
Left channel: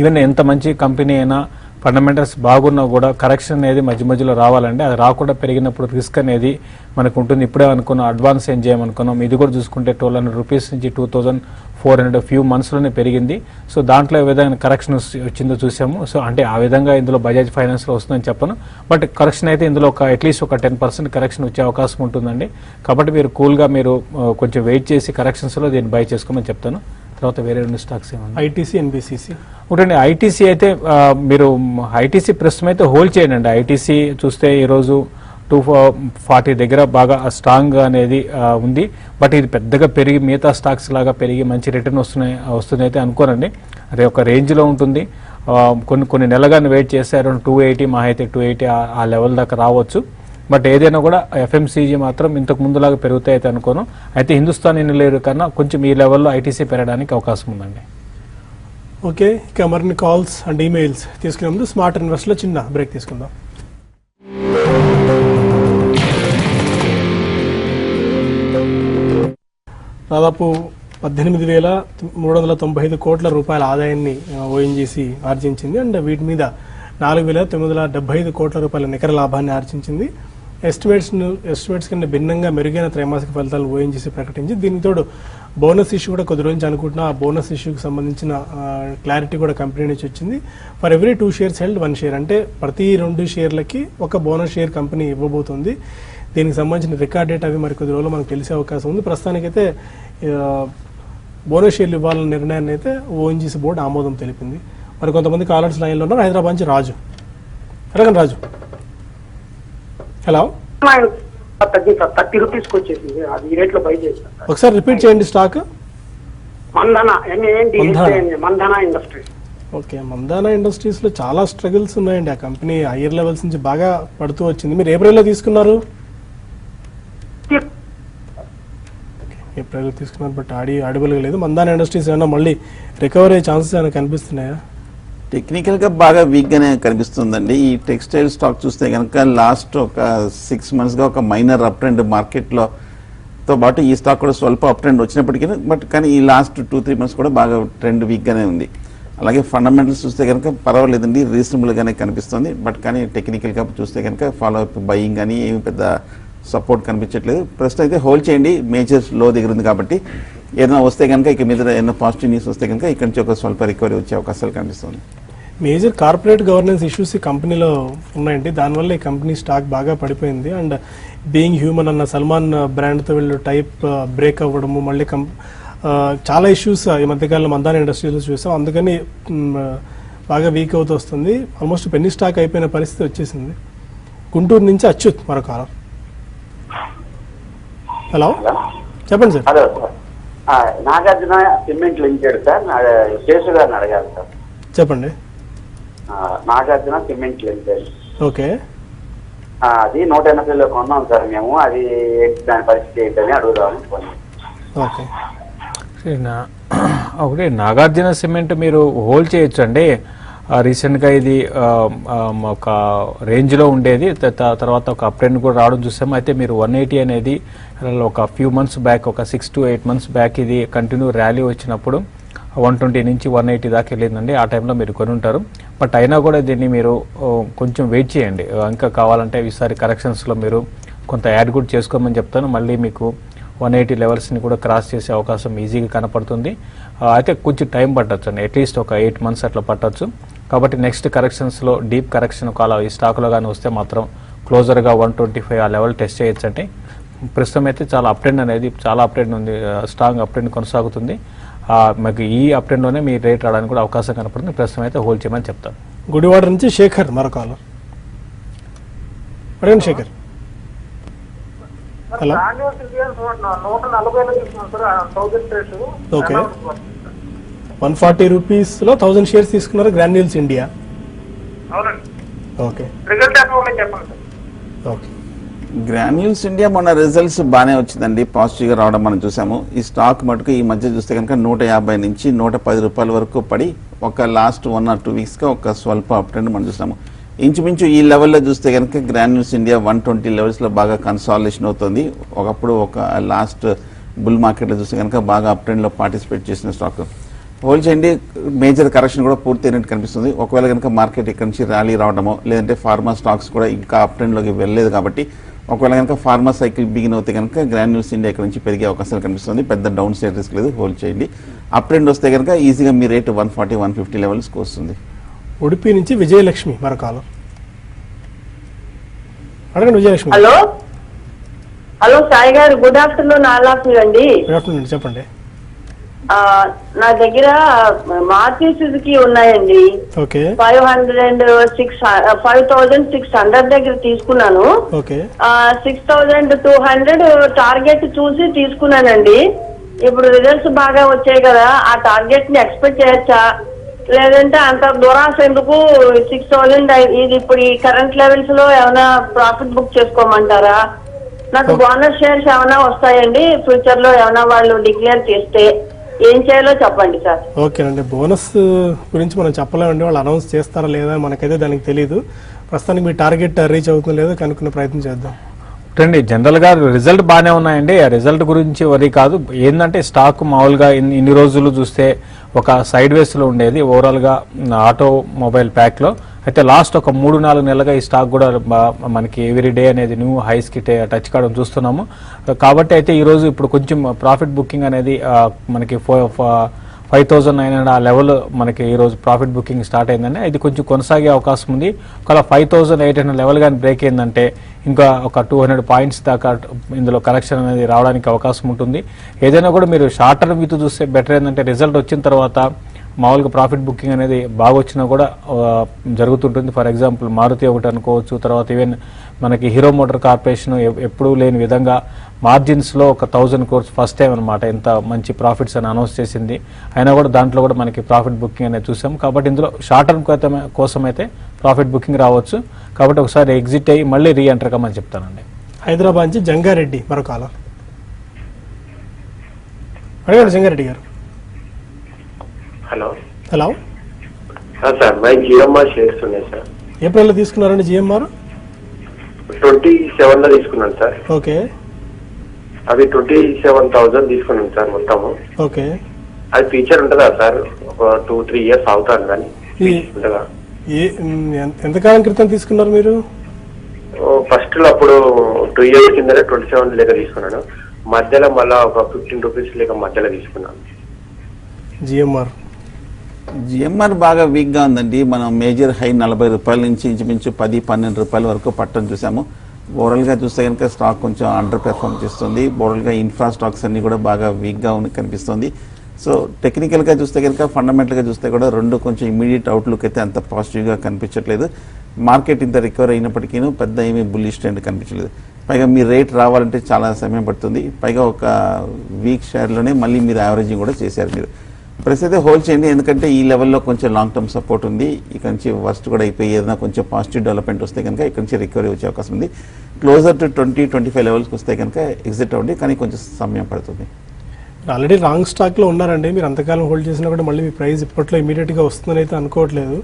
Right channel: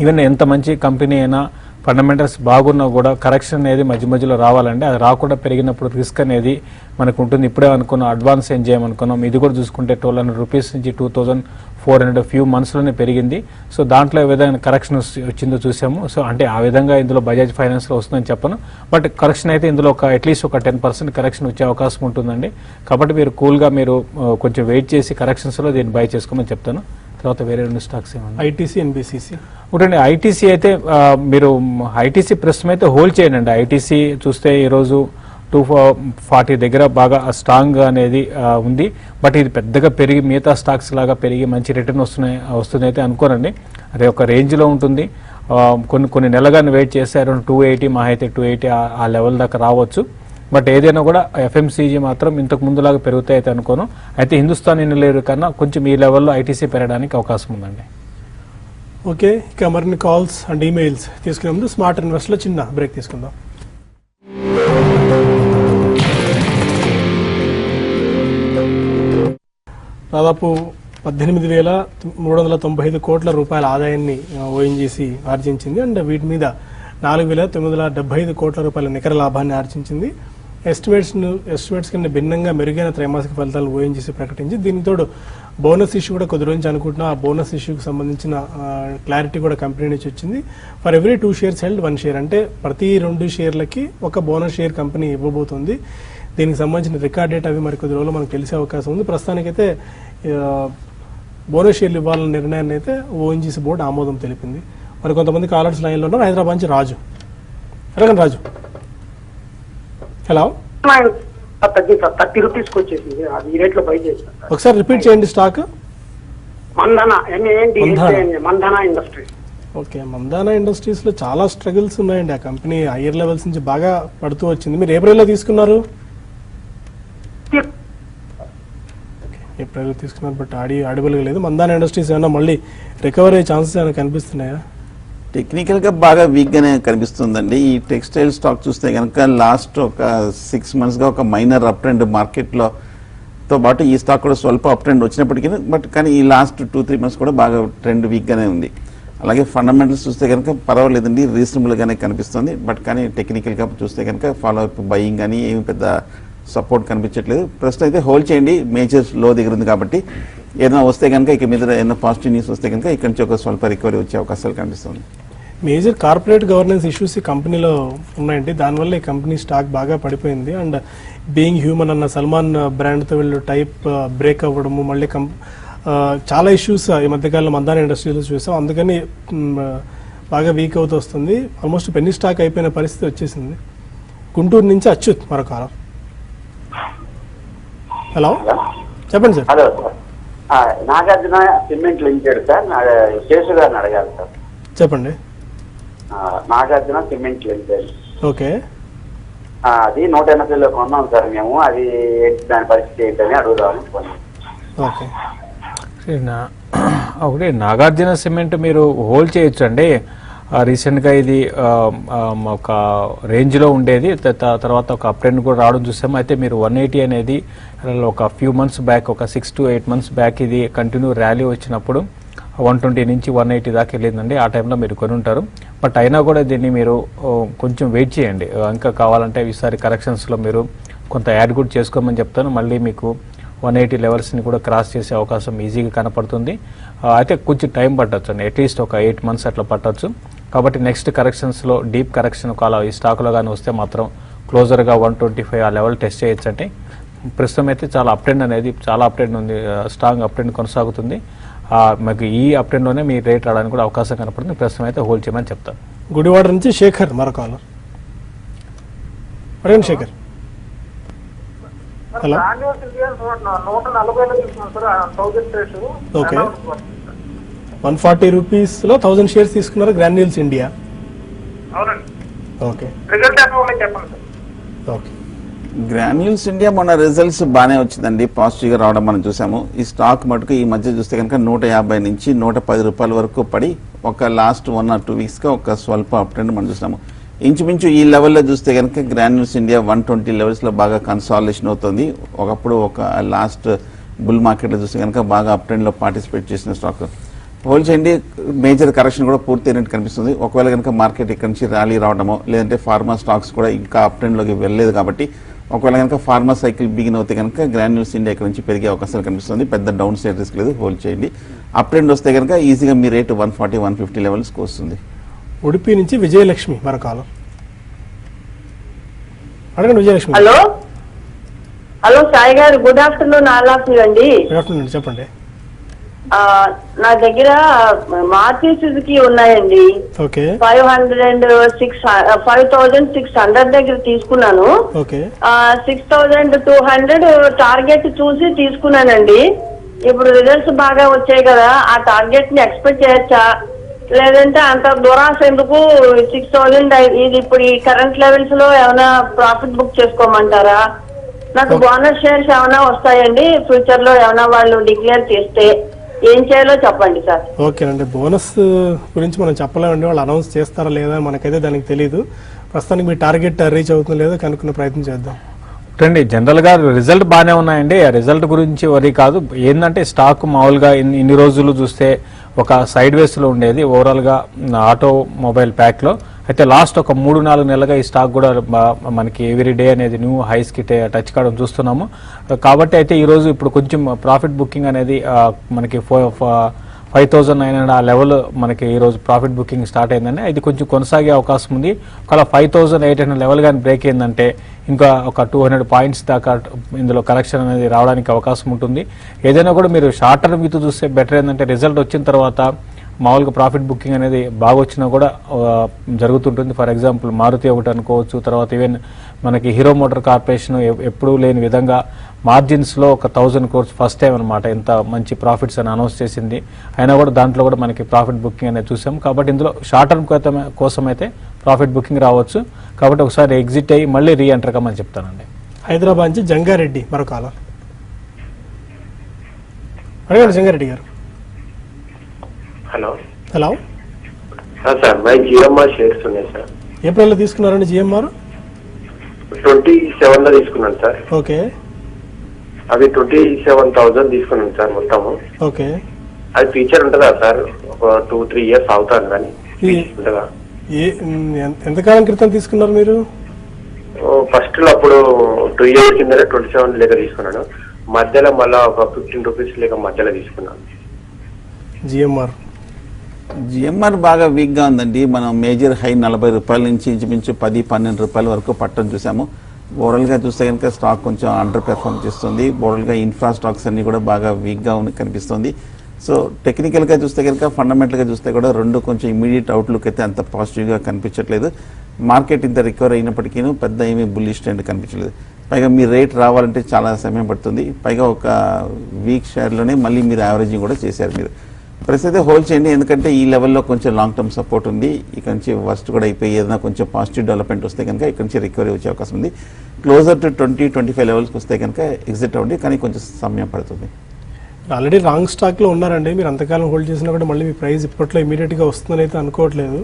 ఈవెన్ ఎంత మంచి కంపెనీ అయినా ఫండమెంటల్స్ బాగున్నా కూడా కరెక్షన్ అనేది మధ్య మధ్యలో రావాలండి. అది రాకుండా పెరిగినప్పుడు రిస్క్ అనేది మనకు ఉంటుంది. ఇప్పుడే అనుకున్నాం అడ్వాన్స్ ఏం చేయమనుకున్నాం. ఇది కూడా చూసుకుంటే 1200 రూపీస్ నుంచి 2400 ఫ్యూ మంత్స్లోనే పెరిగింది. సో దాంట్లో ఏ విధంగా కరెక్షన్ వచ్చిందో చూసాము. సో అంటే ఆ విధంగా ఇందులో బజాజ్ ఫైనాన్స్లో వస్తుందని చెప్పను, బట్ కరెక్షన్ అయితే ఇందులో అట్లీస్ట్ ఒక 10% కరెక్షన్ వచ్చే అవకాశం ఉంటుందండి. కాబట్టి మీరు కూల్గా మీరు కొంచెం వెయిట్ చేసి కరెక్షన్స్లో దీన్ని బై చేసుకోమని చెప్తాను. తర్వాత వేరే 2 స్టాక్స్ ఏమన్నా ఐటీసీ ఎన్బిసిసి ఒకటండి. ఐటీసీ అయితే మీరు ఐటీసీ ప్రస్తుతం అయితే హోల్డ్ చేయండి. ఐటీసీ చూస్తే ఈరోజు 240 దగ్గర బాగా స్ట్రాంగ్ అనేది ఉంది. బట్ ఇది పెద్దగా పెరిగి మిగతా స్టాక్స్ లాగా పెరిగి మంచి రిటర్న్ వస్తుంది అయితే అనుకోరండి. అది ఒక రేంజ్లో ఉంటుంది. కొన్ని నెలగానే వెయిట్ చేస్తారు. 280 మా అయితే 280 ఆ లెవెల్ దాకా రావచ్చు. బట్ ఏదైనా కూడా ఎఫ్ఎంసీజీ మాత్రం ఇంతకు ముందులాగా పెరుగుతాయి అయితే అనుకోను. అయితే హిందుస్థాన్ యూనిలివర్ కన్నా కొంచెం ఈ లెవెల్లో ఐటీసీ పెరగడానికి అవకాశం ఉందండి. ఓకే, ఇక మరిన్ని కాల్స్ అండ్ ఈమెయిల్స్ తీసుకునే ముందు స్మార్ట్ ఇన్వెస్ట్ లో చిన్న బ్రేక్ తీసుకుందాం. దాదాపు 18,395 కోట్ల రూపాయల ఆదాయాన్ని ఓఎన్జీసీ ఆర్జించింది. అండ్ వీటి మీద 4,975 కోట్ల రూపాయల నికర లాభాన్ని ఆర్జించింది. ఎస్టిమేట్స్ కన్నా భిన్నంగా మెరుగైన త్రైమాసిక ఫలితాలు ఓఎన్జీసీ ప్రకటించింది. దీనితో బోనస్ ఇష్యూ కూడా కొద్ది రోజు అనుకుంటున్నా. ఆ బోనస్ ఇష్యూకి సంబంధించిన క్లారిటీ కూడా కంపెనీ నుంచి వచ్చింది. For every 2 shares held 1 share, అంటే ప్రతి 2 షేర్లకి ఒక బోనస్ షేర్ కంపెనీ ఇవ్వబోతుంది. దీనికి సంబంధించిన రికార్డ్ డేట్ అవి మరి కొద్ది రోజులు మనకు తెలిసే అవకాశం ఉంది. ప్రస్తుతానికైతే బోనస్ షేర్లు ఇవ్వాలన్న నిర్ణయాన్ని అయితే ఓఎన్జీసీ బోర్డు ఆమోదం తెలిపింది. మరి కొంతమంది కాలర్స్ లైన్లో ఉన్నారు. హైదరాబాద్ నుంచి రాజు, రాజు. హలో, 30 రూపీస్కి వచ్చేసింది. ఈ రేట్ లో బై చేశాను. ఒకసారి రిపీట్ చేయండి stock. Mandanna industries. Okay, Mandanna industries లో చాలా స్ట్రగుల్స్ ఉన్నాయండి. ఆ కంపెనీ హైయర్ లెవెల్స్ నుంచి బాగా పడుతూ వచ్చింది. మీరు ఏప్రిల్లో తీసుకున్నారు? ఏప్రిల్లో తీసుకున్నారు, బట్ అడుగులు లేదు. మందానా ఇండస్ట్రీస్ ఏమైనా మళ్ళీ రికవర్ అయ్యే ఛాన్సెస్ ఏమైనా కనిపిస్తున్నాయా? టెక్నికల్ గా బాగా వీక్ గానే కనిపిస్తుందండి. ఈ టెక్స్టైల్ స్టాక్ చూస్తే కనుక లాస్ట్ ఒక 6 months గా ఒక మైనర్ అప్ ట్రెండ్ మార్కెట్ లో తో పాటు ఈ స్టాక్ కూడా స్వల్ప అప్ ట్రెండ్ వచ్చినప్పటికీ బట్ కానీ ఈ లాస్ట్ 2-3 months కూడా బాగా ట్రెండ్ వీక్ గానే ఉంది. అలాగే ఫండమెంటల్స్ చూస్తే కనుక పర్వాలేదండి, రీజనబుల్ గానే కనిపిస్తుంది. బట్ కానీ టెక్నికల్ గా చూస్తే కనుక ఫాలో అప్ బయింగ్ కానీ ఏమి పెద్ద సపోర్ట్ కనిపించట్లేదు. ప్రస్తుతం అయితే హోల్డ్ చేయండి. మేజర్ లో దగ్గర ఉంది కాబట్టి ఏదైనా వస్తే కనుక ఇక మీద ఏదైనా పాజిటివ్ న్యూస్ వస్తే కనుక ఇక్కడ నుంచి ఒక స్వల్ప రికవరీ వచ్చే అవకాశాలు కనిపిస్తుంది. మేజర్ కార్పొరేట్ గవర్నెన్స్ ఇష్యూస్ ఈ కంపెనీలో ఉన్నాయండి. దానివల్ల ఈ కంపెనీ స్టాక్ బాగా పడిపోయింది. అండ్ బీయింగ్ హ్యూమన్ అన్న సల్మాన్ బ్రాండ్తో వీళ్ళు టైప్ బ్రేక్ అవ్వడము, మళ్ళీ చాలా ఇష్యూస్ ఈ మధ్యకాలంలో మందానా ఇండస్ట్రీలో చూసాం. అందుకని బాగా వీక్ అవుతూ వస్తుంది. ఆల్మోస్ట్ పెన్నీ స్టాక్ అయిపోయిన పరిస్థితి వచ్చేసింది. గుంటూరు నుంచి అచ్యుత్ మరొక. హలో, చెప్పండి sir. Hello sir, Nagarjuna cement limited sir. Seshu గారిని అడగాలి సార్. చెప్పండి. Nagarjuna cement limited. ఓకే, అది 180లో కొన్నాం సార్ మేము. అది దాని పరిస్థితి ఏంటని అడుగుదాం అనుకున్నాం. ఓకే. ఓకే, నాగార్జున సిమెంట్ మీరు హోల్డ్ చేయొచ్చు అండి. రీసెంట్గా ఇది ఒక రేంజ్లో ఉండేది, తర్వాత ఒక అప్ ట్రెండ్ కూడా రావడం చూసాము. అయితే మీరు 180 అనేది ఒక ఫ్యూ మంత్స్ బ్యాక్, ఒక 6 to 8 months బ్యాక్ ఇది కంటిన్యూ ర్యాలీ వచ్చినప్పుడు 120 నుంచి 180 దాకా వెళ్ళిందండి. ఆ టైంలో మీరు కొని ఉంటారు. బట్ అయినా కూడా దీన్ని మీరు కొంచెం వెయిట్ చేయండి. ఇంకా కావాలంటే ఈసారి కరెక్షన్స్లో మీరు కొంత యాడ్ కూడా చేసుకోమని చెప్తాను. మళ్ళీ మీకు 180 లెవెల్స్ని కూడా క్రాస్ చేసే అవకాశం ఈజీగా కనపడుతుంది. అయితే కొంచెం టైం పట్టచ్చు అండి, అట్లీస్ట్ ఒక 8 months అట్లా పట్టవచ్చు. కాబట్టి నెక్స్ట్ కరెక్షన్స్లో డీప్ కరెక్షన్ కాల ఈ స్టాక్లో కానీ వస్తే మాత్రం క్లోజర్గా 125 ఆ లెవెల్ టెస్ట్ చేయొచ్చు అంటే ప్రస్తుతం అయితే చాలా అప్ ట్రెండ్ అనేది చాలా అప్ ట్రెండ్ ఉంది, స్ట్రాంగ్ అప్ ట్రెండ్ కొనసాగుతుంది. మీకు ఈ అప్ ట్రెండ్ లోనే మీ రేట్ రావడానికి కూడా అవకాశం కనపడుతుంది. ప్రస్తుతం అయితే హోల్డ్ చేయమని చెప్తాను. గుడివాడ నుంచి శేఖర్ మరో కాలర్. అడగండి శేఖర్. హలో. ఓకే, 140 రూపీస్ లో 1000 షేర్స్ తీసుకున్నారు granules India. Okay okay. Granules India మన రిజల్ట్స్ బాగానే వచ్చిందండి, పాజిటివ్ గా రావడం మనం చూసాము. ఈ స్టాక్ మటుకు ఈ మధ్య చూస్తే కనుక 150 నుంచి 110 రూపాయల వరకు పడి ఒక లాస్ట్ 1 or 2 వీక్స్ గా ఒక స్వల్ప అప్ ట్రెండ్ మనం చూసాము. ఇంచుమించు ఈ లెవెల్లో చూస్తే కనుక గ్రాన్యూల్స్ ఇండియా 120 లెవెల్స్ లో బాగా కన్సాలిడేషన్ అవుతుంది. ఒకప్పుడు ఒక లాస్ట్ బుల్ మార్కెట్ లో చూస్తే కనుక బాగా అప్ ట్రెండ్ లో పార్టిసిపేట్ చేసిన స్టాక్. హోల్డ్ చేయండి, మేజర్ కరెక్షన్ కూడా పూర్తి అయినట్టు కనిపిస్తుంది. ఒకవేళ కనుక మార్కెట్ ఇక్కడ నుంచి ర్యాలీ రావడమో లేదంటే ఫార్మా స్టాక్స్ కూడా ఇంకా అప్ ట్రెండ్ లోకి వెళ్ళలేదు కాబట్టి ఒకవేళ కనుక ఫార్మా సైకిల్ బిగిన్ అవుతే కనుక గ్రాన్యూల్స్ ఇండియా ఇక్కడ నుంచి పెరిగే అవకాశాలు కనిపిస్తుంది. పెద్ద డౌన్ సైడ్ రిస్క్ లేదు, హోల్డ్ చేయండి. అప్ ట్రెండ్ వస్తే కనుక ఈజీగా మీ రేటు 140-150 లెవెల్స్ వస్తుంది. ఉడిపి నుంచి విజయలక్ష్మి మన కాలం. అడగండి విజయలక్ష్మి. హలో హలో సాయి గారు, good afternoon. All of you అండి. గుడ్ ఆఫ్టర్నూన్, చెప్పండి. నా దగ్గర మారుతి సుజుకి ఉన్నాయండి. ఓకే 5600 దగ్గర తీసుకున్నాను. ఓకే 6200 టార్గెట్ చూసి తీసుకున్నానండి. ఇప్పుడు రిజల్ట్స్ బాగా వచ్చాయి కదా, ఆ టార్గెట్ ని ఎక్స్పెక్ట్ చేయొచ్చా, లేదంటే అంత దూరాస్ ఎందుకు 6000 ఇది ఇప్పుడు ఈ కరెంట్ లెవెల్స్ లో ఏమైనా ప్రాఫిట్ బుక్ చేసుకోమంటారా? నాకు బోనస్ షేర్స్ ఏమైనా వస్తాయండి ఫ్యూచర్ లో, ఏమైనా వాళ్ళు డిక్లేర్ చేస్తే ఏం చేయాలో చెప్పండి సార్. ఓకే అండి, బోనస్ గురించి మనం చెప్పలేమండి, వాళ్ళు అనౌన్స్ చేస్తారా లేదా మనకైతే దానికి తెలియదు. ప్రస్తుతానికి మీ టార్గెట్ రీచ్ అవుతుందో లేదో కనుక్కునే ప్రయత్నం చేద్దాం. అండి జనరల్ గా రిజల్ట్ బాగానే ఉన్నాయండి, ఆ రిజల్ట్ గురించి వరి కాదు. ఏంటంటే స్టాక్ మామూలుగా ఇన్ని రోజులు చూస్తే ఒక సైడ్ వేస్ లో ఉండేది ఓవరాల్ గా ఆటోమొబైల్ ప్యాక్ లో. అయితే లాస్ట్ ఒక 3-4 నెలలుగా ఈ స్టాక్ కూడా మనకి ఎవ్రీ డే అనేది న్యూ హైస్ కి టచ్ కావడం చూస్తున్నాము. కాబట్టి అయితే ఈ రోజు ఇప్పుడు కొంచెం ప్రాఫిట్ బుకింగ్ అనేది మనకి 5900 ఆ లెవెల్ మనకి ఈ రోజు ప్రాఫిట్ బుకింగ్ స్టార్ట్ అయిందని ఇది కొంచెం కొనసాగే అవకాశం ఉంది. ఒకవేళ 5800 లెవెల్ కానీ బ్రేక్ అయిందంటే ఇంకా ఒక 200 పాయింట్స్ దాకా ఇందులో కరెక్షన్ అనేది రావడానికి అవకాశం ఉంటుంది. ఏదైనా కూడా మీరు షార్ట్ టర్మ్ మీద చూస్తే బెటర్. ఏంటంటే రిజల్ట్ వచ్చిన తర్వాత మామూలుగా ప్రాఫిట్ బుకింగ్ అనేది బాగా వచ్చినా కూడా జరుగుతుంటుంది. ఫర్ ఎగ్జాంపుల్ మారుతి ఒకటి అనుకోవచ్చు, తర్వాత ఈవెన్ మనకి హీరో మోటార్ కార్పొరేషన్ ఎప్పుడూ లేని విధంగా మార్జిన్స్ లో ఒక 1000 crores ఫస్ట్ టైం అనమాట ఎంత మంచి ప్రాఫిట్స్ అని అనౌన్స్ చేసింది. అయినా కూడా దాంట్లో కూడా మనకి ప్రాఫిట్ బుకింగ్ అనేది చూసాం. కాబట్టి ఇందులో షార్ట్ టర్మ్ కోసం అయితే ప్రాఫిట్ బుకింగ్ రావచ్చు. కాబట్టి ఒకసారి ఎగ్జిట్ అయ్యి మళ్ళీ రీ ఎంటర్ కమని చెప్తానండి. హైదరాబాద్ నుంచి జంగారెడ్డి మరో కాలం. అడిగారు జంగారెడ్డి గారు. Hello hello sir, my GMR shares ఉన్నాయి సార్. ఏ ప్రైస్ లో తీసుకున్నారండి జిఎంఆర్? 27 లో తీసుకున్నాను సార్. ఓకే, అది 27,000 తీసుకున్నాను సార్ మొత్తము. ఓకే. అది ఫీచర్ ఉంటుందా సార్? ఒక 2-3 ఇయర్స్ అవుతారు కానీ ఉంటుందా? ఎంతకాలం క్రితం తీసుకున్నారు మీరు? ఫస్ట్ లో అప్పుడు 2 years కింద 27 లేక తీసుకున్నాను. మధ్యలో మళ్ళీ ఒక 15 రూపీస్ లేక మధ్యలో తీసుకున్నాను. జిఎంఆర్ బాగా వీక్ గా ఉందండి. మనం మేజర్ హై 40 రూపాయల నుంచి ఇంచుమించు 10-12 రూపాయల వరకు పట్టడం చూసాము. ఓవరాల్ గా చూస్తే కనుక స్టాక్ కొంచెం అండర్ పెర్ఫార్మ్ చేస్తుంది. ఓవరాల్ గా ఇన్ఫ్రా స్టాక్స్ అన్ని కూడా బాగా వీక్ గా కనిపిస్తుంది. సో టెక్నికల్ గా చూస్తే కనుక ఫండమెంటల్ గా చూస్తే కూడా రెండు కొంచెం ఇమీడియట్ అవుట్లుక్ అయితే అంత పాజిటివ్ గా కనిపించట్లేదు. మార్కెట్ ఇంత రికవర్ అయినప్పటికీ పెద్ద ఏమీ బుల్లిష్ ట్రెండ్ కనిపించలేదు. పైగా మీ రేట్ రావాలంటే చాలా సమయం పడుతుంది. పైగా ఒక వీక్ షేర్ లోనే మళ్ళీ మీరు యావరేజింగ్ కూడా చేశారు. మీరు ప్రస్తుతం హోల్డ్ చేయండి, ఎందుకంటే ఈ లెవెల్లో కొంచెం లాంగ్ టర్మ్ సపోర్ట్ ఉంది. ఇక్కడ నుంచి వర్స్ట్ కూడా అయిపోయి ఏదైనా కొంచెం పాజిటివ్ డెవలప్మెంట్ వస్తే కనుక ఇక్కడ నుంచి రికవరీ వచ్చే అవకాశం ఉంది. క్లోజర్ టు 20-25 లెవెల్స్కి వస్తే కనుక ఎగ్జిట్ అవ్వండి, కానీ కొంచెం సమయం పడుతుంది. ఆల్రెడీ రాంగ్ స్టాక్ లో ఉన్నారండి. మీరు అంతకాలం హోల్డ్ చేసినా కూడా మళ్ళీ మీ ప్రైస్ ఇప్పట్లో ఇమీడియట్ గా వస్తుందని అయితే అనుకోవట్లేదు.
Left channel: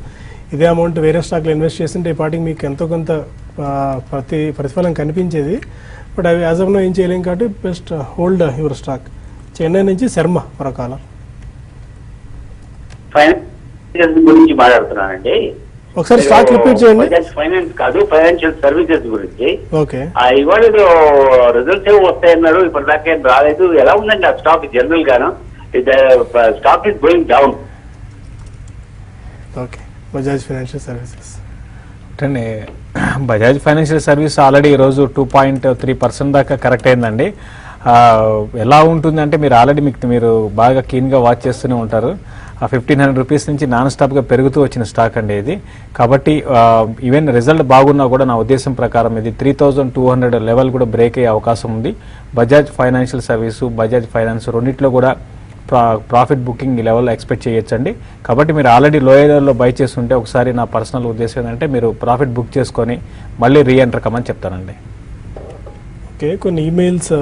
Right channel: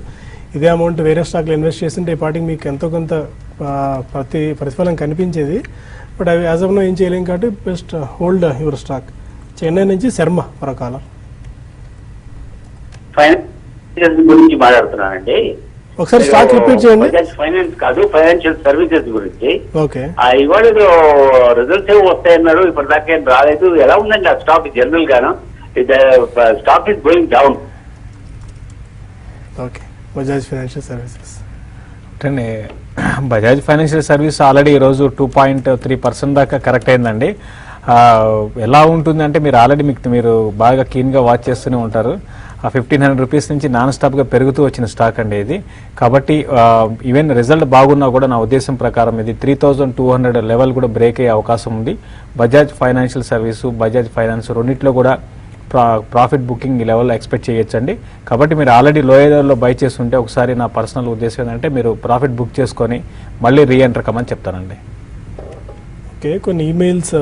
ఇదే అమౌంట్ వేరే స్టాక్ లో ఇన్వెస్ట్ చేస్తుంటే ఈ పాటికి మీకు ఎంతో కొంత ప్రతిఫలం కనిపించేది. బట్ అవి యాజ్ ఆఫ్ నో ఏం చేయలేం కాబట్టి best hold your stock. Chennai నుంచి శర్మ మన కాలం. ఫైనాన్స్ గురించి మాట్లాడుతున్నానండి. ఒకసారి స్టాక్ రిపీట్ చేయండి. ఫైనాన్స్ కాదు, ఫైనాన్షియల్ సర్వీసెస్ గురించి. ఓకే, ఇవాళ రిజల్ట్స్ ఏమి వస్తాయన్నారు, ఇప్పుడు దాకేం రాలేదు. ఎలా ఉందండి ఆ స్టాక్ జనరల్ గాను? Stock is going down. Okay. Bajaj financial services. అంటే బజాజ్ ఫైనాన్షియల్ సర్వీస్ ఆల్రెడీ ఈరోజు 2.3% దాకా కరెక్ట్ అయిందండి. ఎలా ఉంటుంది అంటే మీరు ఆల్రెడీ మీరు బాగా కీన్గా వాచ్ చేస్తూనే ఉంటారు. 1,500 రూపీస్ నుంచి నాన్ స్టాప్గా పెరుగుతూ వచ్చిన స్టాక్ అండి ఇది. కాబట్టి ఈవెన్ రిజల్ట్ బాగున్నా కూడా నా ఉద్దేశం ప్రకారం ఇది 3,200 లెవెల్ కూడా బ్రేక్ అయ్యే అవకాశం ఉంది. Bajaj financial service, Bajaj finance రెండింటిలో కూడా ప్రాఫిట్ బుకింగ్ ఈ లెవెల్లో ఎక్స్పెక్ట్ చేయొచ్చండి. కాబట్టి మీరు ఆల్రెడీ లోయర్లో బై చేస్తుంటే ఒకసారి నా పర్సనల్ ఉద్దేశం ఏంటంటే మీరు ప్రాఫిట్ బుక్ చేసుకొని మళ్ళీ రీఎంటర్ కమని చెప్తానండి. ఓకే, కొన్ని ఈమెయిల్స్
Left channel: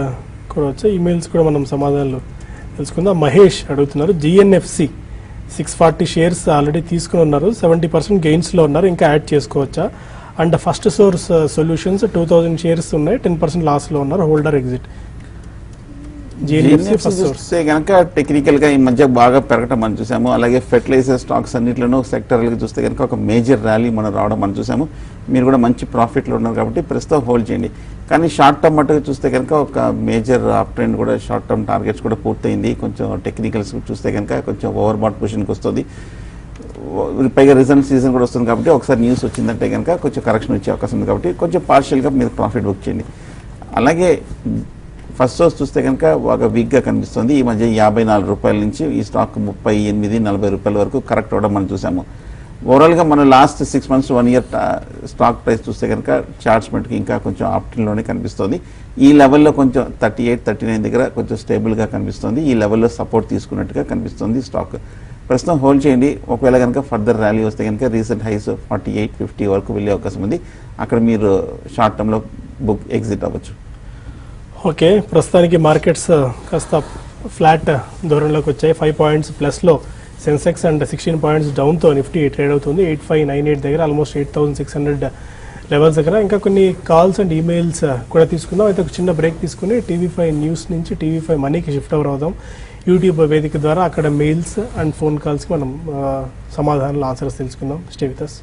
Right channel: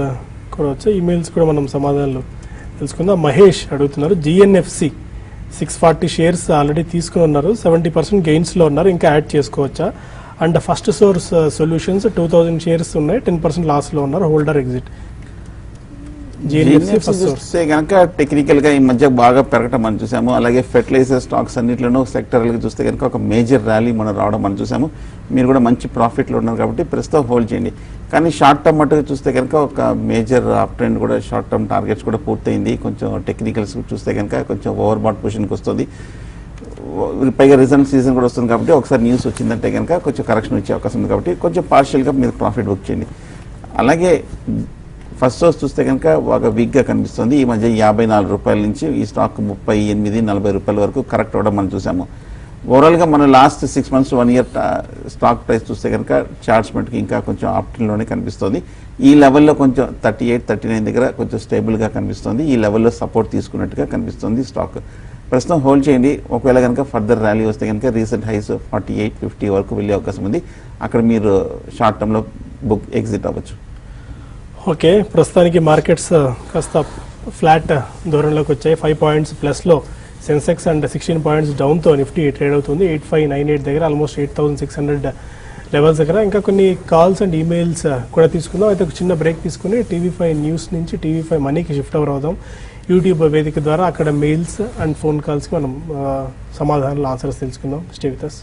కూడా వచ్చాయి. ఈమెయిల్స్ కూడా మనం సమాధానాలు తెలుసుకుందాం. మహేష్ అడుగుతున్నారు, GNFC 640 షేర్స్ ఆల్రెడీ తీసుకుని ఉన్నారు, 70% గెయిన్స్లో ఉన్నారు, ఇంకా యాడ్ చేసుకోవచ్చా? And first source solutions 2000 shares ఉన్నాయి, 10% లాస్లో ఉన్నారు, హోల్డర్ ఎగ్జిట్. చూస్తే కనుక టెక్నికల్ గా ఈ మధ్య బాగా పెరగడం మనం చూసాము. అలాగే ఫెర్టిలైజర్ స్టాక్స్ అన్నింటిలోనూ సెక్టర్ చూస్తే కనుక ఒక మేజర్ ర్యాలీ మనం రావడం మనం చూసాము. మీరు కూడా మంచి ప్రాఫిట్ లో ఉన్నారు కాబట్టి ప్రస్తుతం హోల్డ్ చేయండి. కానీ షార్ట్ టర్మ్ అటు చూస్తే కనుక ఒక మేజర్ అప్ ట్రెండ్ కూడా షార్ట్ టర్మ్ టార్గెట్స్ కూడా పూర్తయింది. కొంచెం టెక్నికల్స్ చూస్తే కనుక కొంచెం ఓవర్ బాట్ పొజిషన్కి వస్తుంది. పైగా రిజల్ట్ సీజన్ కూడా వస్తుంది కాబట్టి ఒకసారి న్యూస్ వచ్చిందంటే కనుక కొంచెం కరెక్షన్ వచ్చే అవకాశం ఉంది. కాబట్టి కొంచెం పార్షియల్గా మీరు ప్రాఫిట్ బుక్ చేయండి. అలాగే ఫస్ట్ సోర్స్ చూస్తే కనుక ఒక వీక్గా కనిపిస్తుంది. ఈ మధ్య 54 రూపాయల నుంచి ఈ స్టాక్ 38-40 రూపాయల వరకు కరెక్ట్ అవడం మనం చూసాము. ఓవరాల్గా మనం last 6 months 1 year stock price చూస్తే కనుక చార్ట్స్మెంట్కి ఇంకా కొంచెం ఆప్షన్లోనే కనిపిస్తుంది. ఈ లెవెల్లో కొంచెం 38-39 దగ్గర కొంచెం స్టేబుల్గా కనిపిస్తుంది. ఈ లెవెల్లో సపోర్ట్ తీసుకున్నట్టుగా కనిపిస్తుంది స్టాక్. ప్రస్తుతం హోల్డ్ చేయండి. ఒకవేళ కనుక ఫర్దర్ ర్యాలీ వస్తే కనుక రీసెంట్ హైస్ 48-50 వరకు వెళ్ళే అవకాశం ఉంది. అక్కడ మీరు షార్ట్ టర్మ్లో బుక్ ఎగ్జిట్ అవ్వచ్చు. ఓకే, ప్రస్తుతానికి మార్కెట్స్ కాస్త ఫ్లాట్ ధోరణిలోకి వచ్చాయి. 5 points ప్లస్లో సెన్సెక్స్ అండ్ 16 points డౌన్తో నిఫ్టీ ట్రేడ్ అవుతుంది. 8598 దగ్గర, ఆల్మోస్ట్ 8600 లెవెల్స్ దగ్గర. ఇంకా కొన్ని కాల్స్ అండ్ ఈమెయిల్స్ కూడా తీసుకుందాం. అయితే ఒక చిన్న బ్రేక్ తీసుకుని TV5 న్యూస్ నుంచి TV5 మనీకి షిఫ్ట్ ఓవర్ అవుదాం. యూట్యూబ్ వేదిక ద్వారా అక్కడ మెయిల్స్ అండ్ ఫోన్ కాల్స్ మనం సమాధానాలు, ఆన్సర్స్ తెలుసుకుందాం. Stay with us.